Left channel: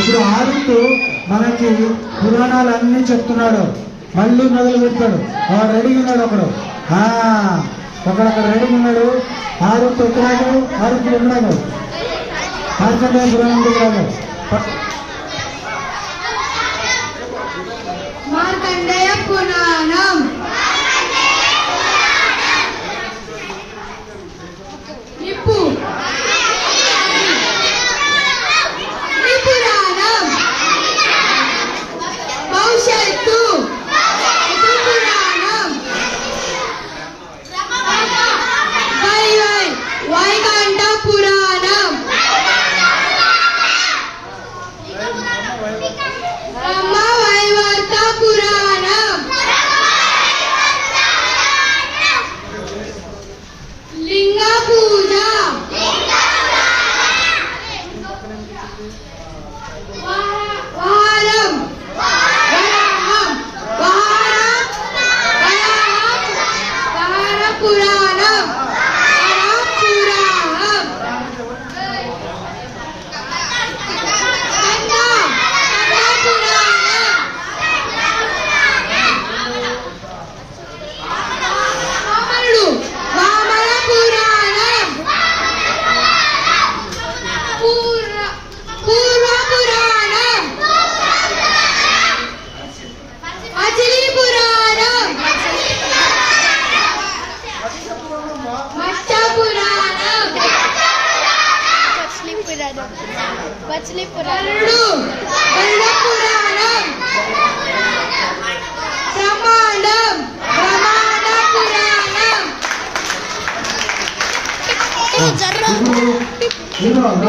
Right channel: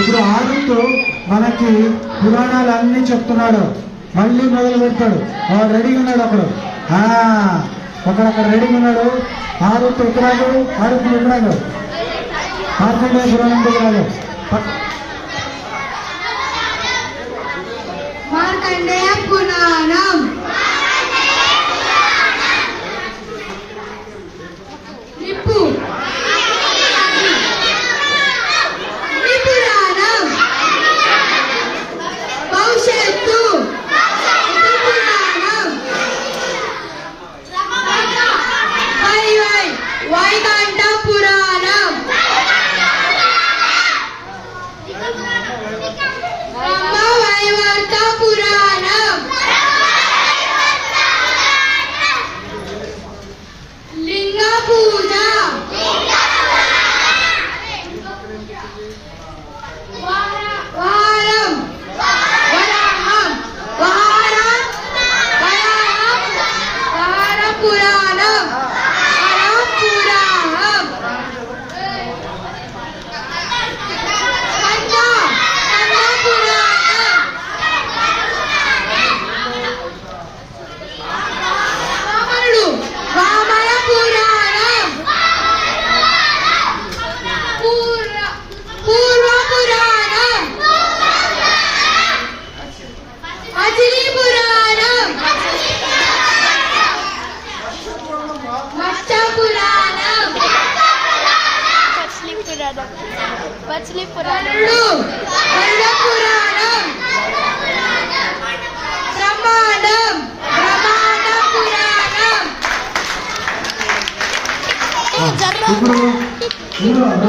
ఇప్పుడు ఆరుతూ మనకి పురాణాలు అన్నీ చెప్తున్నాడు. మళ్ళీ మొదలు పెడతాడు. రెడీగా ఉన్నాడు ఒకడక్కడ రెడీగా ఉన్నాడు. ఆరుతూ ఎక్కడాడు, ఆరుతూ ఎక్కడాడు, మార్కండేయ పురాణం దగ్గరాడు. మార్కండేయ పురాణం నిప్పు పురాణం భవిష్యత్తు పురాణం వైకంఠ పురాణం బ్రహ్మ వైవర్త పురాణం లింగ పూజ వారం పురాణం మచిలీ పురాణం బ్రహ్మాండం పురాణం.